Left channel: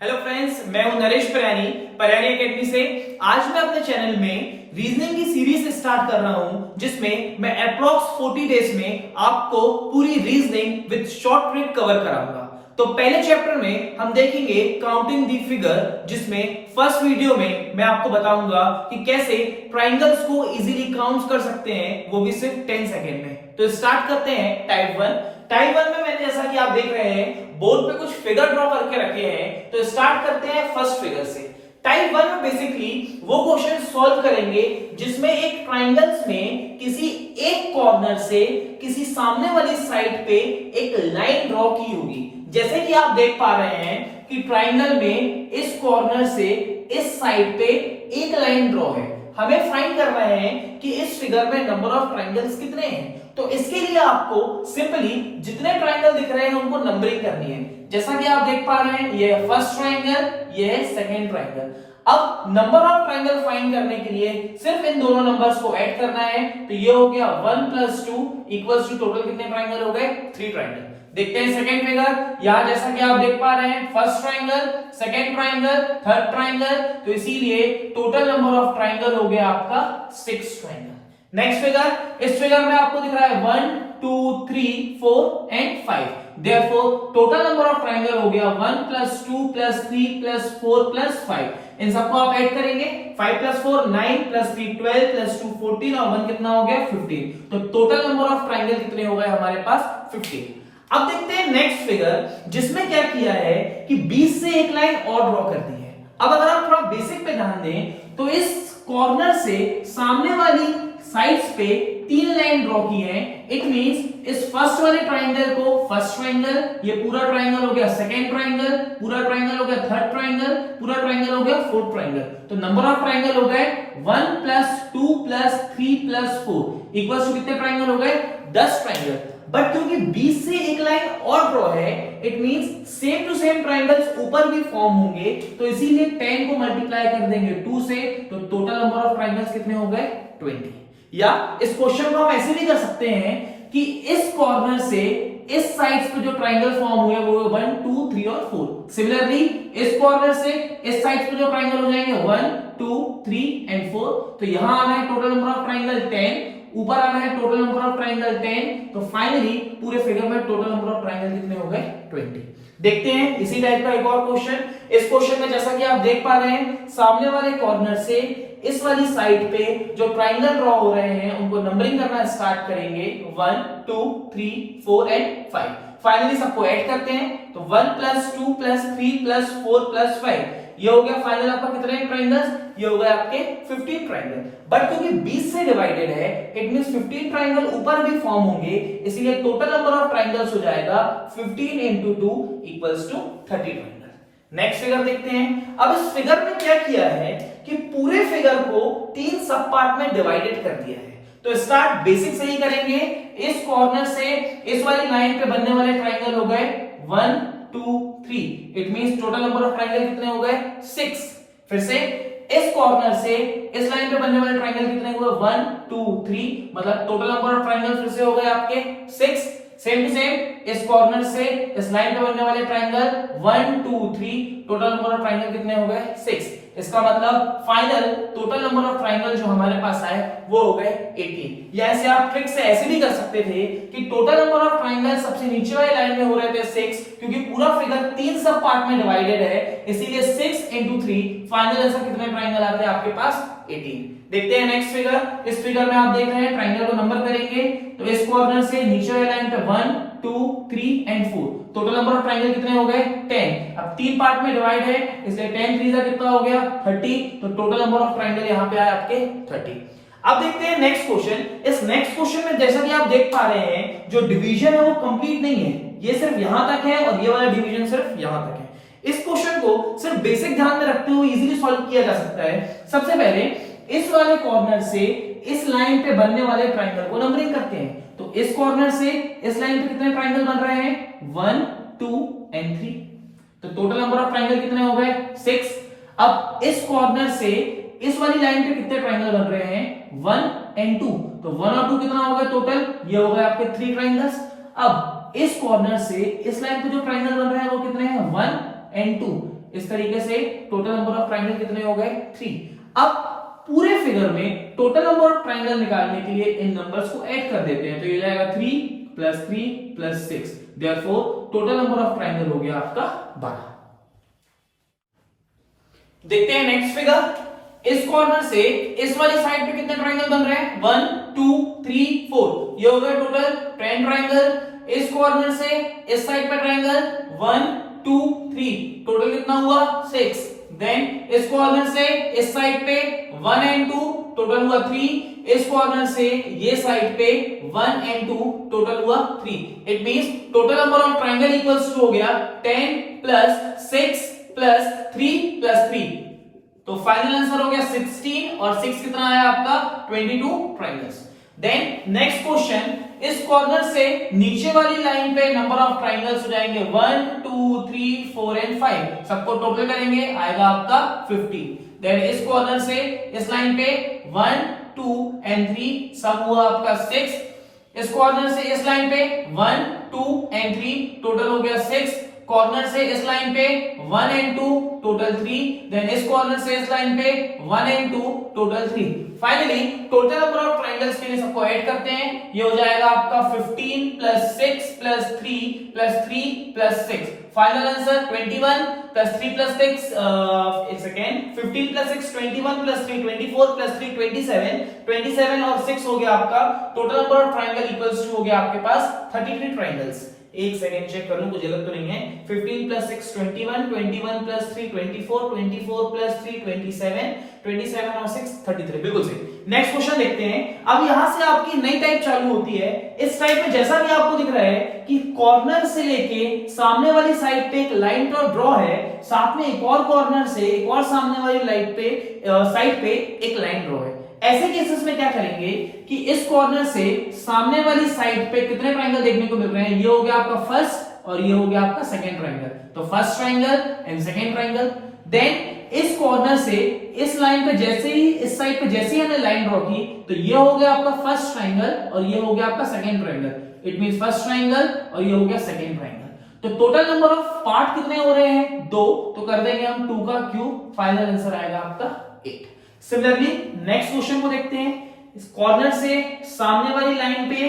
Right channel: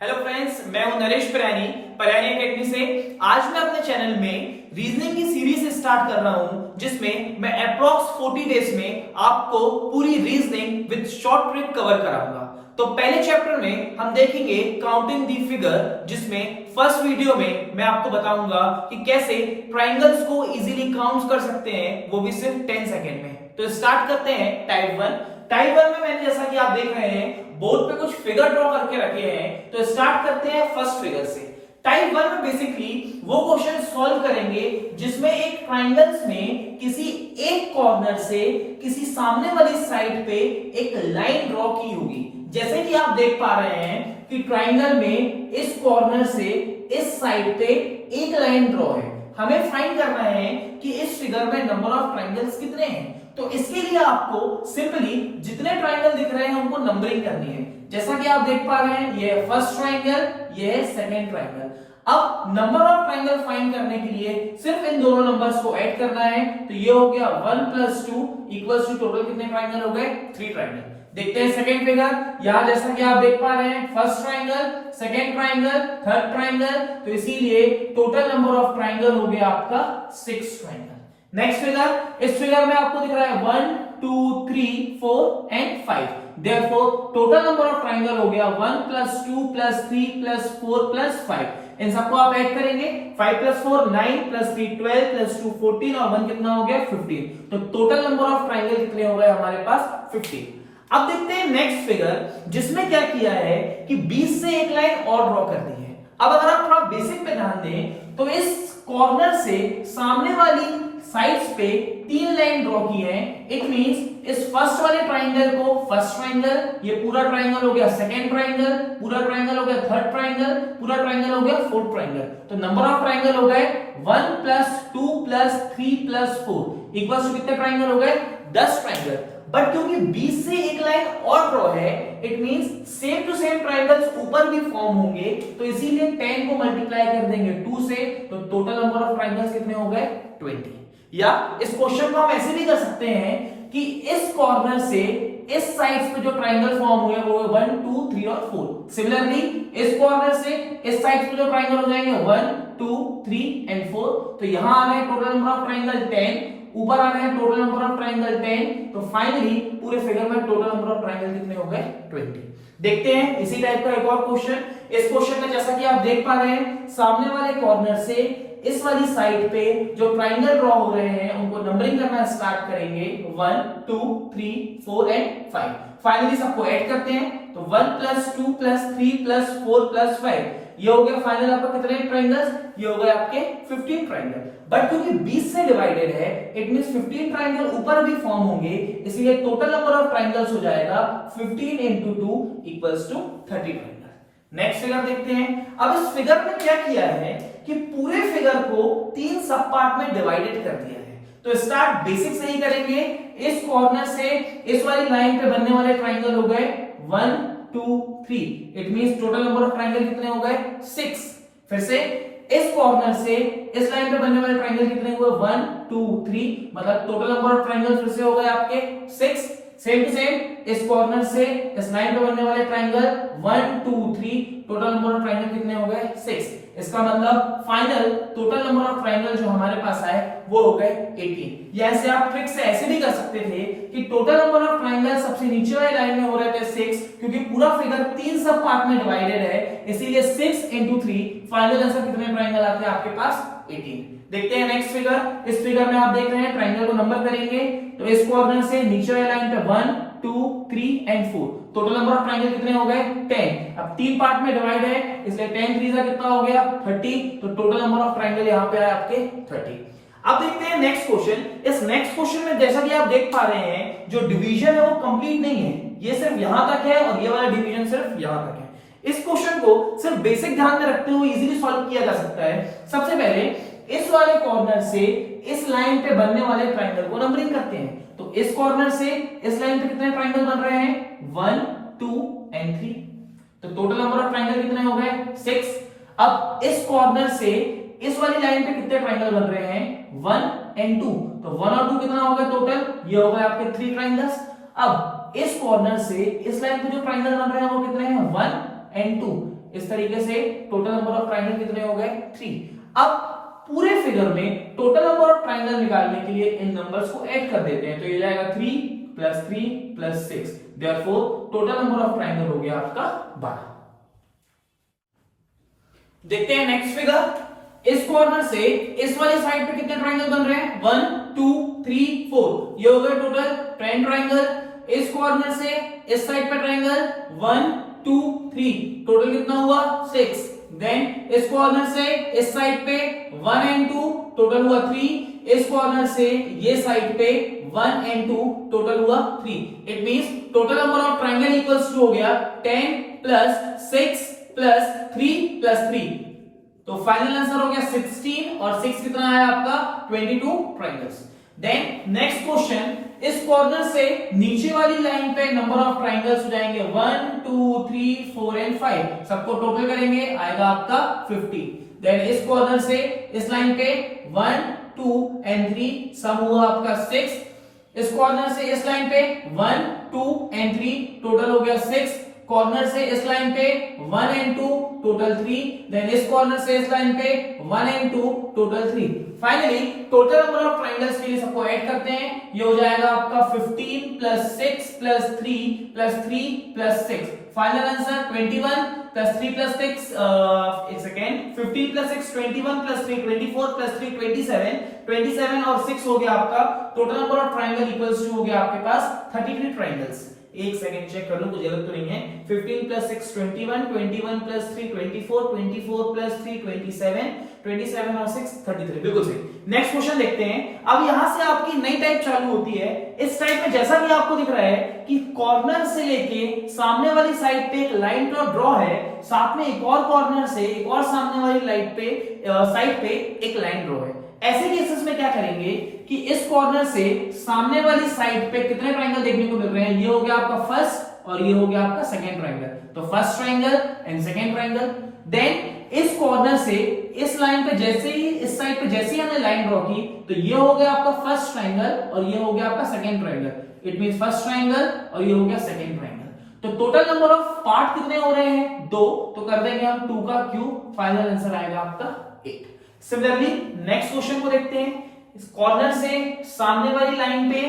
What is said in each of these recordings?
Hello friends, मैं हूं नरेश परयानी academy से। आज मैं अपने चैनल में रीजनिंग की सीरीज स्टार्ट कर रहा हूं, जिसमें मैं अप्रॉक्स 40 डेज में आपको पूरी reasoning with short trick cover कराऊंगा। तो पहले चैप्टर में हम देखेंगे काउंटिंग दी फिगर, जिसमें फर्स्ट वीडियो में मैं आपको बताऊंगा कि कैसे ट्राइंगल्स को इजीली काउंट कर सकते हैं, वो भी सिर्फ 10 सेकेंड में। तो स्टार्ट करते हैं टाइप 1। टाइप 1 में मैंने, जैसा कि आप देख रहे हैं, बोर्ड पे कुछ फिगर ड्रॉ करके रखे हैं। तो स्टार्ट करते हैं फर्स्ट फिगर से। टाइप 1 में बेसिकली वो क्वेश्चन सॉल्व करेंगे जिसमें एक ट्राइंगल्स में किसी एक कॉर्नर से किसी सामने वाली साइड पे एक लाइन ड्रॉ की होगी। जैसे कि आप देख पा रहे हैं कि ट्राइंगल में इस कॉर्नर से इस साइड पे एक लाइन ड्रॉ है। हमें फाइंड करना है कि इस फिगर में नंबर ऑफ ट्राइंगल्स कितने हैं। तो इसके लिए आपको सिंपली जितने ट्राइंगल दिख रहे हैं उनको नंबरिंग करनी है। जैसा कि आप देख पा रहे हैं, ये है फर्स्ट ट्राइंगल, ये है सेकंड ट्राइंगल। अब नंबर ऑफ ट्राइंगल फाइंड करने के लिए सिर्फ इन दोनों नंबर्स को ऐड करना है। तो ये हो गया 1 + 2 इक्वल्स टू टोटल कितने ट्राइंगल हो गए? 3 ट्राइंगल। देखते हैं सेकंड फिगर। यहां जैसा कि आप देख पा रहे हैं, first triangle, second triangle, third triangle, तो इसीलिए टोटल नंबर ऑफ ट्राइंगल हो गया आपका 6 ट्राइंगल। नेक्स्ट फिगर, इस फिगर में आपको दिख रहा है 1 2 3 4 and 5। Therefore total number of triangle हो गया 1 + 2 + 3 + 4 + 5। इन सबको आप ऐड करेंगे, 5 + 4 9 + 3 12 + 2 14 और 1 कितना हो गया? 15। तो टोटल नंबर ऑफ ट्राइंगल कितने हो गए हमारे पास? 15। अब देखते हैं नेक्स्ट फिगर, जिसमें क्या किया है कि 20 से एक लाइन और ड्रॉ कर दी है। अब अगर आप थोड़ा बेसिक पे ध्यान दें तो इस कॉर्नर से सामने वाली साइड्स पे 3 लाइन ड्रॉ की है। इट मींस इस फर्स्ट वाले ट्राइंगल को फर्स्ट ट्राइंगल, ये पूरा ट्राइंगल हो गया सेकंड ट्राइंगल, पूरा ट्राइंगल हो गया थर्ड ट्राइंगल, पूरा ट्राइंगल हो गया फोर्थ ट्राइंगल। तो नंबर ऑफ ट्राइंगल हो गए 1 + 2 + 3 + 4 इक्वल्स टू कितने ट्राइंगल हो गए? 10 ट्राइंगल। बट क्योंकि 20 से एक लाइन और ड्रॉ है, it means same to same triangles ऊपर भी फॉर्म होंगे, तो इसीलिए 10 को मल्टीप्लाई कर देंगे 2 से, तो टोटल नंबर ऑफ ट्राइंगल्स कितने हो गए? 20। या इस क्वेश्चन को हम ऐसे भी कर सकते हैं कि इस कॉर्नर से इस साइड्स पे जो ट्राइंगल फॉर्म हुए वो 1 2 3 और 4। सिमिलरली इस कॉर्नर से इस साइड्स पे जो ट्राइंगल हो जाएंगे 1 2 3 एंड 4। तो यहां आ रहा है टोटल नंबर ऑफ ट्राइंगल 10, ऊपर आ रहा है टोटल नंबर ऑफ ट्राइंगल 10। तो फाइनली पूरे फिगर में टोटल नंबर ऑफ ट्राइंगल कितने हो गए? 20। देखते हैं इसी टाइप का एक और क्वेश्चन। इस क्वेश्चन में जैसा कि आप देख पा रहे हैं, सामने वाले कॉर्नर से इस वाली साइड पे जो ट्राइंगल ड्रॉ हो रहे हैं उनको नंबरिंग करना स्टार्ट करेंगे 1 2 3 4 एंड 5। फाइनली सबको ऐड करते हैं, तो 1 + 2 + 3 + 4 + 5, ये हो गया फाइनल आपका कितने ट्राइंगल्स? ये हो गए आपके 15 ट्राइंगल। बट क्योंकि 20 से डिवाइडेड है, इट मींस 15 ट्राइंगल ऊपर भी फॉर्म होंगे, इसलिए टोटल नंबर ऑफ ट्राइंगल्स हो जाएगा 15 × 2 = 30 ट्राइंगल। नेक्स्ट फिगर देखते हैं। अब इस फिगर में क्या किया है कि पूरे फिगर को 3 सब पार्ट में डिवाइडेड कर दिया है। तो स्टार्ट बेसिक से ही करेंगे। इस कॉर्नर से इस वाली लाइन पे बनने वाले ट्राइंगल हो गए 1 2 3। It means total number of triangle कितने हो गए? 6। फिर से इस कॉर्नर से इस लाइन पे बनने वाले ट्राइंगल कितने हुए? 1 2 3, मतलब टोटल नंबर ऑफ ट्राइंगल फिर से हो गए आपके 6। सेम टू सेम इस कॉर्नर से इस लाइन पे बनने वाले triangle 1 2 3, total number of triangle कितने हो गए? 6। इसका मतलब final total number of triangle जो हमारे पास आए वो हो गए 18। या ऐसे आप ट्रिक से ऐसे भी कर सकते थे कि टोटल नंबर ऑफ ट्राइंगल सबसे नीचे वाली लाइन में हो रहे थे 6, क्योंकि पूरा फिगर 3 सब पार्ट में डिवाइडेड है, इसीलिए 6 × 3, फाइनल आंसर कितने ट्राइंगल आते हैं आपके पास? 18। देखते हैं नेक्स्ट फिगर। इस फिगर में आप देख रहे हैं ट्राइंगल को नंबर करेंगे, तो इस कॉर्नर से नीचे वाली लाइन पे 1 2 3 and 4, total number of triangle कितने हो गए? 10। अब 3 पार्ट में डिवाइड है, इसलिए 10 3 कितना हो गया? 30। तो टोटल नंबर ऑफ ट्राइंगल यहाँ पे आए आपके 30। अब देखते हैं नेक्स्ट क्वेश्चन। इस नेक्स्ट क्वेश्चन में जैसा कि आप देख पा रहे हैं, जो डिवीजन है वो कंप्लीट नहीं है, ये सिर्फ यहां तक है और ये वाला डिवीजन सिर्फ यहां तक है। इस क्वेश्चन को सिर्फ बेसिक ध्यान में रखते हुए इजीली सॉल्व किया जा सकता है। सबसे पहले इस वाले कॉर्नर से इस लाइन पे बनने वाले ट्राइंगल को नंबरिंग करते हैं। तो इस कॉर्नर से इस लाइन पे कितने ट्राइंगल बन रहे हैं? 1 2 एंड 3। तो टोटल नंबर ऑफ ट्राइंगल कितने हो गए? 6। अब इस कॉर्नर से इस वाली लाइन पे कितने ट्राइंगल बन रहे हैं? 1 एंड 2। तो 1 और 2 कितना हो गया टोटल? ये हो गए आपके 3 ट्राइंगल्स। अब इस कॉर्नर से इस लाइन पे जो ट्राइंगल बन रहे हैं वो कितने हैं? 1 एंड 2। इस तरीके से टोटल नंबर ऑफ ट्राइंगल कितने हो गए 3। अब पूरे फिगर में टोटल नंबर ऑफ ट्राइंगल निकालने के लिए इन नंबर्स को ऐड कर देते हैं, तो ये जाएगा 3 + 3 + 6, therefore total number of triangle हो गया आपका 12। देखते हैं नेक्स्ट फिगर। इस कॉर्नर से इस वाली साइड पे कितने ट्राइंगल बन रहे हैं 1 2 3 4, ये हो गया टोटल 10 ट्राइंगल। इस कॉर्नर से इस साइड पे ट्राइंगल 1 2 3, टोटल कितना हुआ 6। देन इस कॉर्नर से इस साइड पे 1 and 2, टोटल हुआ 3। इस कॉर्नर से ये साइड पे 1 and 2, टोटल हुआ 3। It means total number of triangle equals to हो गया 10 + 6 + 3 + 3, तो फाइनल आंसर हो गया 16 और 6 कितना आया आपका 22 ट्राइंगल्स। देन नेक्स्ट क्वेश्चन, इस कॉर्नर से नीचे वाली लाइन पे नंबर ऑफ ट्राइंगल्स हो जाएंगे 1 2 3 4 and 5, सबको टोटल करेंगे आएगा आपका 50। देन इस कॉर्नर से इस लाइन पे 1 2 and 3, सम हुआ आपका 6। इस कॉर्नर से इस लाइन पे 1 2 and 3, टोटल हो गया 6। कॉर्नर से इस लाइन पे 1 and 2, टोटल 3। देन इस कॉर्नर से इस लाइन पे 1 and 2, total 3। Finally total number of triangles के लिए सबको ऐड करते हैं, ये हो जाएगा आपका 15 + 6 + 3 + 3 + 6, फाइनल आंसर 21 + 3 + 6 एक सेकेंड 15 + 6 21 + 3 24 + 3 27, 27 और 6 हो गया आपका total number of triangle equals to हो गया आपके पास 33 ट्राइंगल्स। एक सेकंड चेक कर लूं कुछ गलत तो नहीं है। 15 + 6 21, 21 + 3 24, 24 + 3 27, 27 और 6 33, बिल्कुल सही। नेक्स्ट क्वेश्चन देखते हैं। अब यहां से आपकी नई टाइप चालू होती है। इस टाइप में जैसा कि आपको दिख रहा है कि कॉर्नर से लेके सामने वाली साइड पे एक लाइन ड्रॉ है, साथ में एक और कॉर्नर से एक और सामने वाली साइड पे एक लाइन ड्रॉ है। ऐसे केसेस में क्या करेंगे कि इस कॉर्नर से सामने वाली साइड पे कितने ट्राइंगल देखने को मिल रहे हैं, ये हो गया आपका फर्स्ट और ये हो गया आपका सेकंड ट्राइंगल, तो first triangle and second triangle. Then इस कॉर्नर से इस लाइन पे जैसे ही इस साइड पे जैसे ही हमने लाइन ड्रॉ की, तो ये हो गया आपका फर्स्ट ट्राइंगल और ये हो गया आपका second triangle. It means first triangle और ये हो गया सेकंड ट्राइंगल। तो टोटल नंबर ऑफ पार्ट कितने हो रहे हैं 2, तो कर देंगे हम 2 का क्यूब, फाइनल आंसर आएगा आपका 8। सिमिलरली नेक्स्ट क्वेश्चन को देखते हैं। इस कॉर्नर से सामने वाली लाइन पे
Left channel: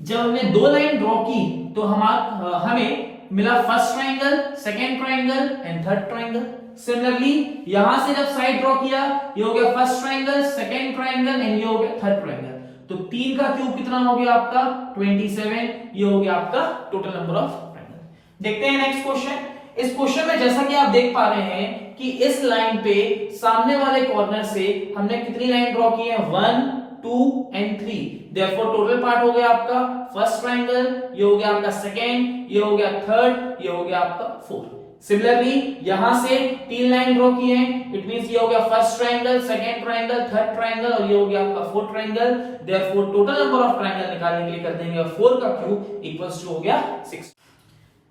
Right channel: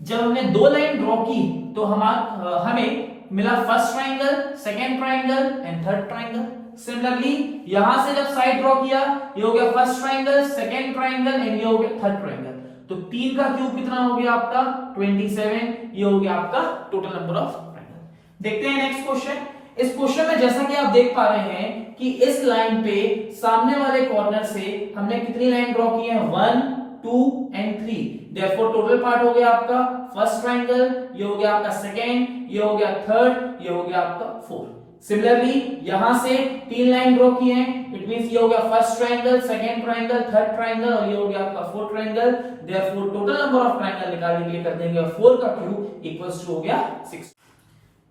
जब हमने 2 लाइन ड्रॉ की तो हमें मिला first triangle, second triangle and third triangle. Similarly यहां से जब साइड ड्रॉ किया, ये हो गया first triangle, second triangle and ये हो गया थर्ड ट्राइंगल। तो 3 का क्यूब कितना हो गया आपका 27, ये हो गया आपका टोटल नंबर ऑफ ट्राइंगल। देखते हैं नेक्स्ट क्वेश्चन। इस क्वेश्चन में जैसा कि आप देख पा रहे हैं कि इस लाइन पे सामने वाले कॉर्नर से हमने कितनी लाइन ड्रॉ की है 1 2 and 3, देयरफॉर टोटल पार्ट हो गया आपका फर्स्ट ट्राइंगल, ये हो गया आपका सेकंड, ये हो गया थर्ड, ये हो गया आपका फोर्थ। सिमिलरली यहां से 3 लाइन ड्रॉ की हैं, इट मींस ये हो गया first triangle, second triangle, third triangle और ये हो गया आपका fourth triangle. Therefore total number of triangle निकालने के लिए कर देंगे 4 का क्यूब इक्वल्स टू हो गया 6।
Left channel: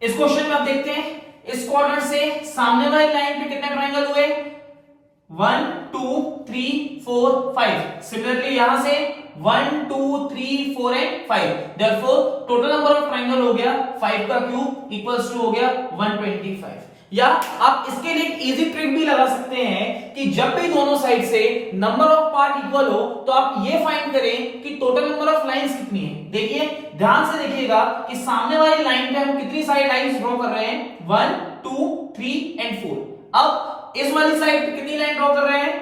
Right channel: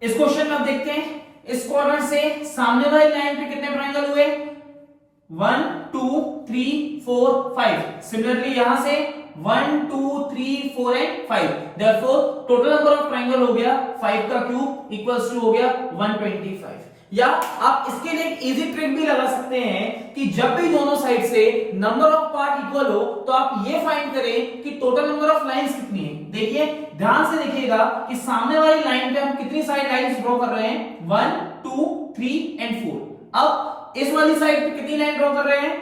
इस क्वेश्चन में आप देखते हैं इस कॉर्नर से सामने वाली लाइन पे कितने ट्राइंगल हुए 1 2 3 4 5। सिमिलरली यहां से 1 2 3 4 and 5, therefore total number of triangle हो गया 5 का क्यूब इक्वल्स टू हो गया 125। या आप इसके लिए एक इजी ट्रिक भी लगा सकते हैं कि जब भी दोनों साइड से नंबर ऑफ पार्ट इक्वल हो तो आप ये फाइंड करें कि टोटल नंबर ऑफ लाइंस कितनी है। देखिए ध्यान से देखिएगा कि सामने वाली लाइन पे हम कितनी साइड लाइंस ड्रॉ कर रहे हैं 1 2 3 and 4। अब इस वाली साइड पे कितनी लाइन ड्रॉ कर रहे हैं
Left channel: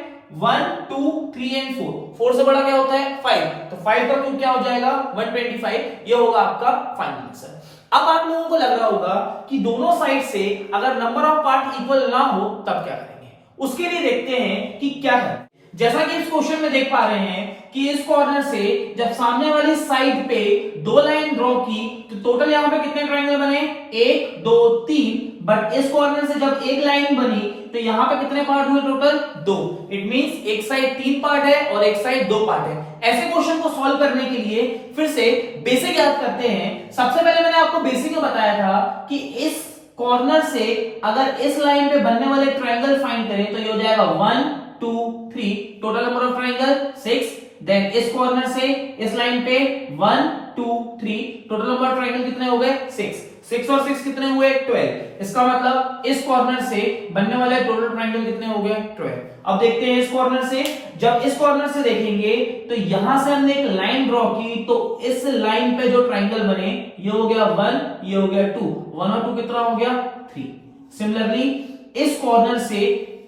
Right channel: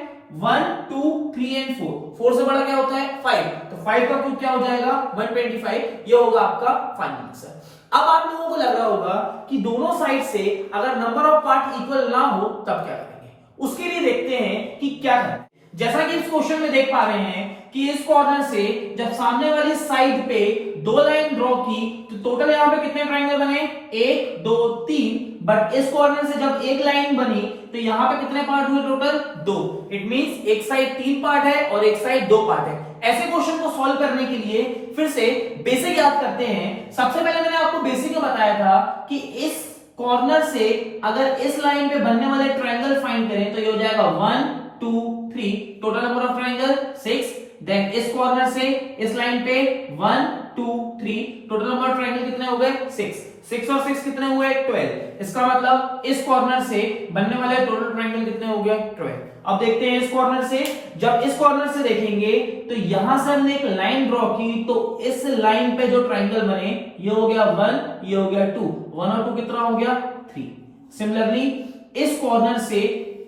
1 2 3 and 4। 4 से बड़ा क्या होता है 5, तो 5 का क्यूब क्या हो जाएगा 125, ये होगा आपका फाइनल आंसर। अब आप लोगों को लग रहा होगा कि दोनों साइड से अगर नंबर ऑफ पार्ट इक्वल ना हो तब क्या करेंगे, उसके लिए देखते हैं कि क्या है। जैसा कि इस क्वेश्चन में देख पा रहे हैं कि इस कॉर्नर से जब सामने वाली साइड पे 2 लाइन ड्रॉ की तो टोटल यहां पे कितने ट्राइंगल बने 1 2 3, बट इस कॉर्नर से जब एक लाइन बनी तो यहां पे कितने पार्ट हुए टोटल 2। इट मींस एक साइड 3 पार्ट है और एक साइड 2 पार्ट है। ऐसे क्वेश्चन को सॉल्व करने के लिए फिर से बेसिक याद करते हैं। सबसे पहले मैंने आपको बेसिक में बताया था कि इस कॉर्नर से अगर इस लाइन पे बनने वाले ट्रायंगल फाइंड करें तो ये हो जाएगा 1 2 3, total number of triangle 6। Then इस कॉर्नर से इस लाइन पे 1 2 3, टोटल नंबर ऑफ ट्रायंगल कितने हो गए 6 और 6 कितने हुए 12। इसका मतलब इस कॉर्नर से बनने वाले टोटल ट्रायंगल कितने हो गए 12। अब देखते हैं इस कॉर्नर से, जब इस कॉर्नर से देखेंगे तो यहां से हमने एक लाइन ड्रॉ की, तो इस लाइन पे जो ट्रायंगल बने ये हो गया 1, ये हो गया 2, 1 और 2 कितना हो गया 3। सिमिलरली इस कॉर्नर से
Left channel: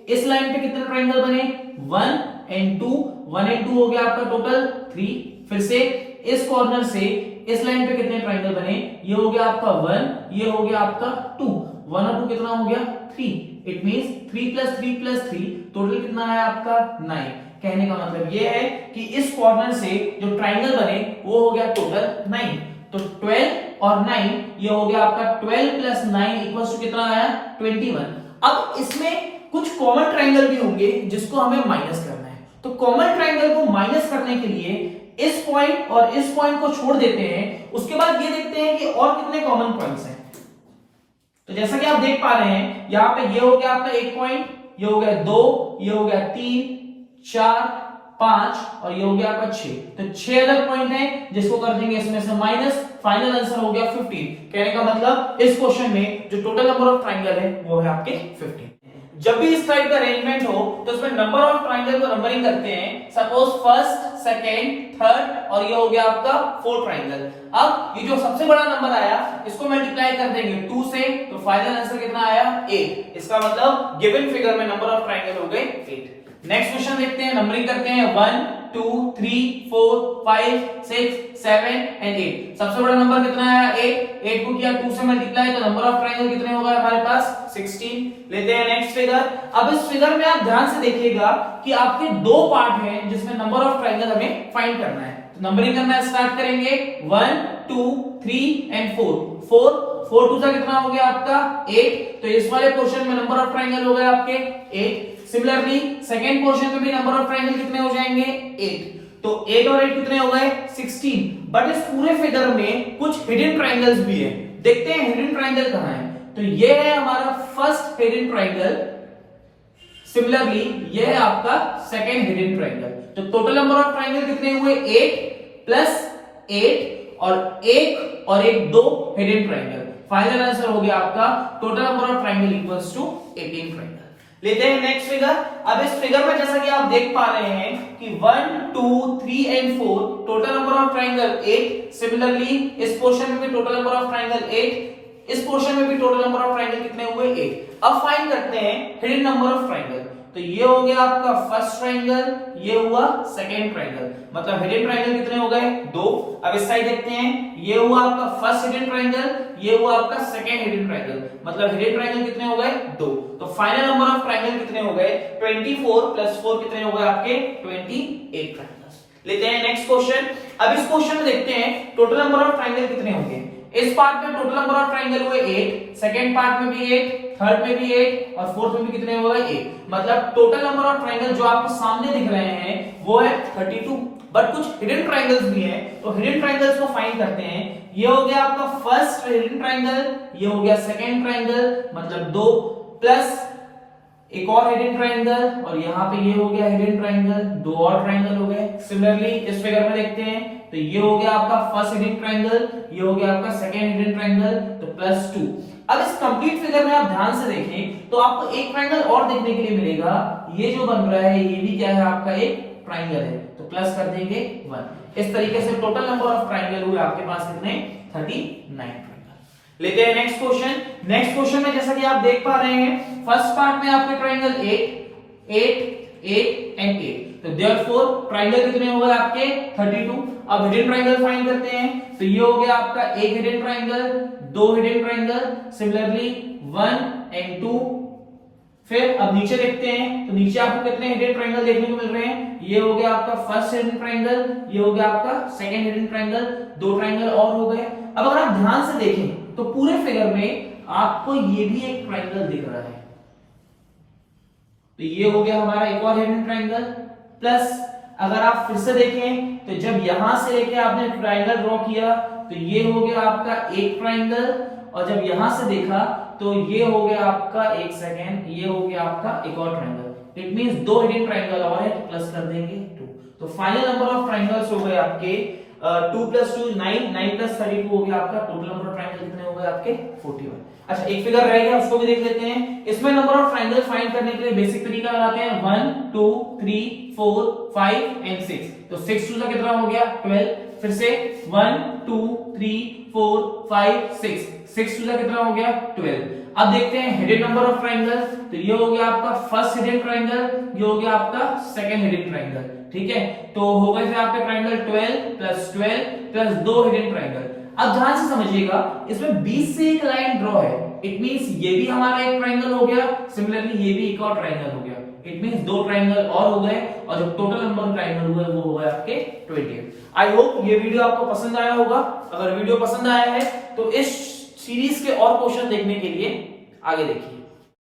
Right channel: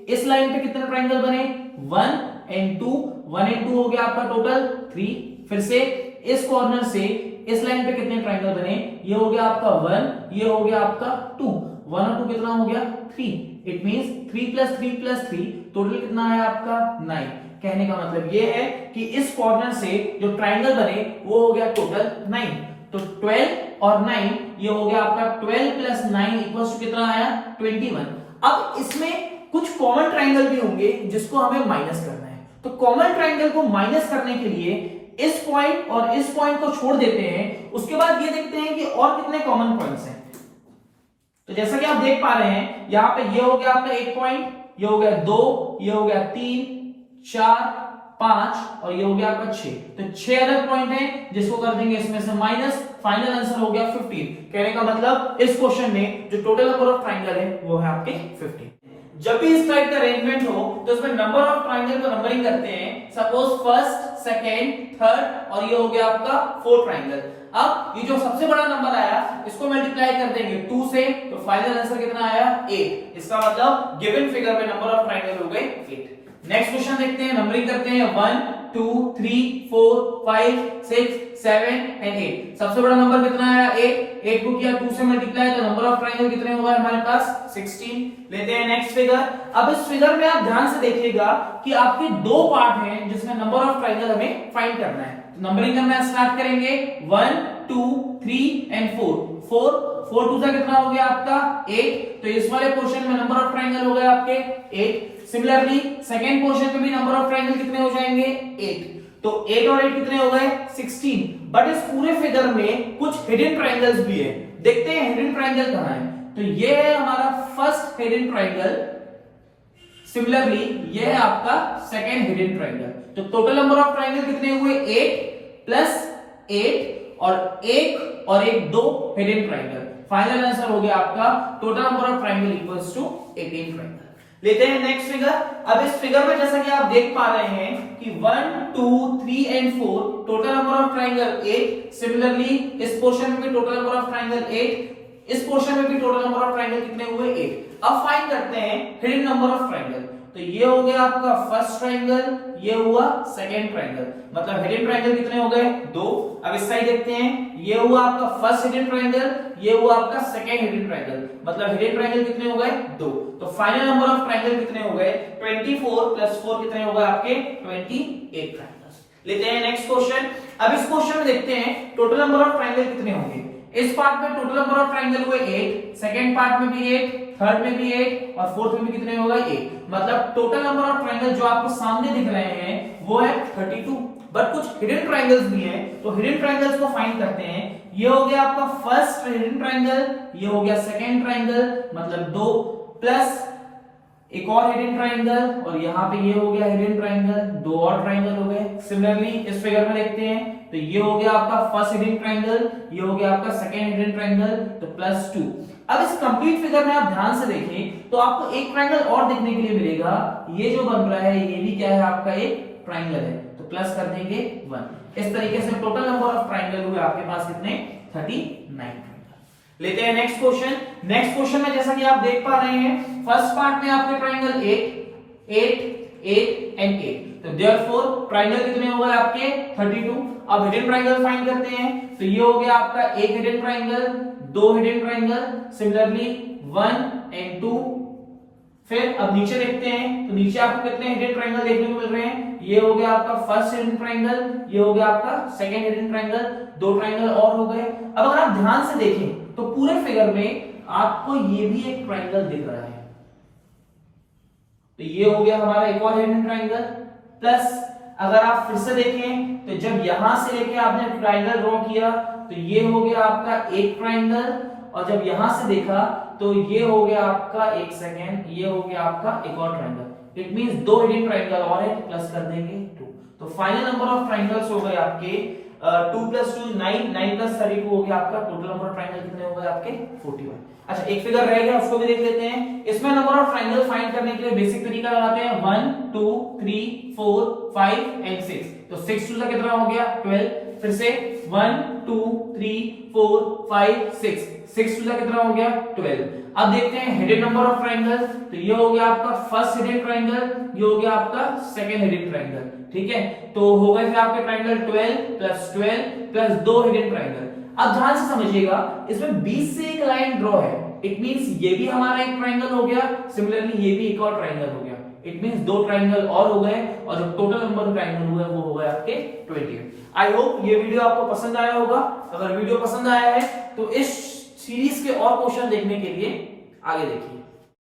इस लाइन पे कितने ट्रायंगल बने 1 एंड 2, 1 एंड 2 हो गया आपका टोटल 3। फिर से इस कॉर्नर से इस लाइन पे कितने ट्रायंगल बने, ये हो गया आपका 1, ये हो गया आपका 2, 1 और 2 कितना हो गया 3। It means 3 plus 3 plus 3 total कितना है आपका 9। कहने का मतलब ये है कि इस कॉर्नर से जो ट्रायंगल बने वो हो गया टोटल 9। तो 12 और 9 ये हो गया आपका 12 प्लस 9 इक्वल्स टू कितना आया 21। अब इसमें कुछ कॉमन ट्रायंगल भी होंगे जिसको हमें माइनस करना है। तो कॉमन ट्रायंगल को माइनस करने के लिए इस पॉइंट और इस पॉइंट को छोड़ देते हैं, उसके बाद ये देखते हैं कि और कितने कॉमन पॉइंट्स हैं। तो जैसा कि आप देख पा रहे हैं यहां पे ये हो गया आपका एक पॉइंट, ये हो गया 2, ये हो गया 3 4 5 और ये हो गया आपका 6। तो 6 अलग पॉइंट हैं जिसको कर देंगे इसमें से माइनस, फाइनल आंसर हो गया 15। कहने का मतलब इस क्वेश्चन में जो टोटल नंबर ऑफ ट्रायंगल है वो है आपके 15। जब भी इस टाइप का अरेंजमेंट हो तो इसमें नंबर ऑफ ट्रायंगल को नंबरिंग करते हैं। सपोज फर्स्ट, सेकंड, थर्ड और ये हो गया आपका फोर्थ ट्रायंगल। अब ये जो सबसे बड़ा नंबर आया इसको मल्टीप्लाई कर देंगे 2 से, तो फाइनल आंसर कितना आया 8। इसका मतलब गिवन फिगर में नंबर ऑफ ट्रायंगल हो गए 8। नेक्स्ट क्वेश्चन देखते हैं, नंबरिंग करते हैं 1 2 3 4 5 6 7 एंड 8। सबसे बड़ा नंबर कितना आया 8 को किया 2 से मल्टीप्लाई, तो नंबर ऑफ ट्रायंगल कितने हो गए हमारे पास 16। लेते हैं नेक्स्ट फिगर। अब इस फिगर में आप ध्यान से देखिएगा कि आपके दो पार्ट हैं जिसमें नंबर ऑफ ट्रायंगल हमें फाइंड करना है। तो नंबरिंग करना स्टार्ट करेंगे 1 2 3 एंड 4 4 2 कितना हो गया आपका 8। तो इस वाले पोर्शन में नंबर ऑफ ट्रायंगल हो गए आपके 8। सिमिलरली सेकंड पोर्शन में भी नंबर ऑफ ट्रायंगल कितने हो जाएंगे 8। तो 8 और 8 कितने हो गए 16। बट इस पूरे फिगर में कुछ हिडन ट्रायंगल्स भी है। देखते हैं हिडन ट्रायंगल कहां है। तो ये है हमारा फर्स्ट हिडन ट्रायंगल, सिमिलरली ये है आपका सेकंड हिडन ट्रायंगल। तो टोटल नंबर ऑफ ट्रायंगल कितने हुए 8 प्लस 8 और 1 और 1 2 हिडन ट्रायंगल। फाइनल आंसर हो गया आपका total number of triangle equals to 18 triangle. लेते हैं नेक्स्ट फिगर। अब इस फिगर में जैसा कि आप देख पा रहे हैं कि 1 2 3 and 4 total number of triangle 8। Similarly इस पोर्शन में भी टोटल नंबर ऑफ ट्रायंगल 8, इस पोर्शन में भी टोटल नंबर ऑफ ट्रायंगल कितने हुए 8। अब फाइंड करते हैं हिडन नंबर ऑफ ट्रायंगल। तो ये हो गया आपका फर्स्ट ट्रायंगल, ये हुआ सेकंड ट्रायंगल, मतलब हिडन ट्रायंगल कितने हो गए 2। अब इस साइड देखते हैं, ये हुआ आपका फर्स्ट हिडन ट्रायंगल, ये हुआ आपका सेकंड हिडन ट्रायंगल, मतलब हिडन ट्रायंगल कितने हो गए 2। तो फाइनल नंबर ऑफ ट्रायंगल कितने हो गए 24 प्लस 4 कितने हो गए आपके 28 ट्रायंगल्स। लेते हैं नेक्स्ट क्वेश्चन। अब इस क्वेश्चन में देखते हैं टोटल नंबर ऑफ ट्रायंगल कितने होंगे। इस पार्ट में टोटल नंबर ऑफ ट्रायंगल हुए 8, सेकंड पार्ट में भी 8, थर्ड में भी 8 और फोर्थ में भी कितने हो गए 8। मतलब टोटल नंबर ऑफ ट्रायंगल जो आपको सामने दिख रहे हैं वो है 32। बट कुछ हिडन ट्रायंगल्स भी हैं, तो हिडन ट्रायंगल्स को फाइंड करते हैं। ये हो गया आपका फर्स्ट हिडन ट्रायंगल, ये हो गया सेकंड ट्रायंगल मतलब 2 प्लस एक और हिडन ट्रायंगल और यहाँ पे ये हो गया हिडन ट्रायंगल, 2 और ट्रायंगल हो गए। सिमिलरली इस फिगर में देखते हैं तो ये हो गया आपका फर्स्ट हिडन ट्रायंगल, ये हो गया आपका सेकंड हिडन ट्रायंगल, तो प्लस 2। अब इस कंप्लीट फिगर में आप ध्यान से देखें तो आपको एक ट्रायंगल और देखने के लिए मिलेगा। ये जो बन रहा है ये भी क्या है आपका एक ट्रायंगल है, तो प्लस कर देंगे 1। इस तरीके से टोटल नंबर ऑफ ट्रायंगल हुए आपके पास कितने 39। लेते हैं नेक्स्ट क्वेश्चन। नेक्स्ट क्वेश्चन में जैसा कि आप देख पा रहे हैं फर्स्ट पार्ट में आपके ट्रायंगल 8 8 8 एंड 8, तो देयरफॉर ट्रायंगल कितने हो गए आपके 32। अब हिडन ट्रायंगल फाइंड करते हैं। तो ये हो गया आपका एक hidden triangle, 2 hidden triangle, similarly 1 and 2। फिर अब नीचे देखते हैं तो नीचे आपको कितने हिडन ट्रायंगल देखने को मिल रहे हैं। ये हो गया आपका फर्स्ट हिडन ट्रायंगल, ये हो गया आपका सेकंड हिडन ट्रायंगल, 2 ट्रायंगल और हो गए। अब अगर आप ध्यान से देखें तो पूरे फिगर में आपको ये भी एक ट्रायंगल दिख रहा है। तो ये हो गया हमारा एक और हिडन ट्रायंगल, प्लस अगर आप फिर से देखें तो जब यहां से लेके आपने ट्रायंगल ड्रॉ किया तो ये हो गया आपका एक ट्रायंगल, और जब यहां से देखा तो ये हो गया आपका एक सेकेंड, ये हो गया आपका एक और triangle. It means 2 hidden triangle और है, तो प्लस कर देंगे 2। तो फाइनल नंबर ऑफ ट्राइंगल्स हो गए आपके 2 + 2 9, 9 + 32 हो गया आपका। टोटल नंबर ऑफ ट्राइंगल कितने हो गए आपके 41। अच्छा एक फिगर रह गया, उसको भी देख लेते हैं। इसमें नंबर ऑफ ट्राइंगल फाइंड करने के लिए बेसिक तरीका लगाते हैं 1 2 3 4 5 एंड 6। तो 6 2 कितना हो गया 12। फिर से 1 2 3 4 5 6, 6 2 कितना हो गया 12। अब देखते हैं हिडन नंबर ऑफ ट्राइंगल। तो ये हो गया आपका फर्स्ट हिडन ट्राइंगल, ये हो गया आपका सेकंड हिडन ट्राइंगल। ठीक है, तो हो गए आपके ट्राइंगल 12 + 12 + 2 हिडन ट्राइंगल। अब ध्यान से समझिएगा, इसमें बीच से एक लाइन ड्रॉ है, इट मींस ये भी हमारा एक ट्राइंगल हो गया, सिमिलरली ये भी एक और ट्राइंगल हो गया। इट मींस 2 ट्राइंगल और हो गए, और जो टोटल नंबर ट्राइंगल हुए वो हो गए आपके 20। आई होप ये वीडियो आपको पसंद आया होगा। अगर वीडियो पसंद आया है तो इस सीरीज के और क्वेश्चन देखने के लिए आगे देखिए।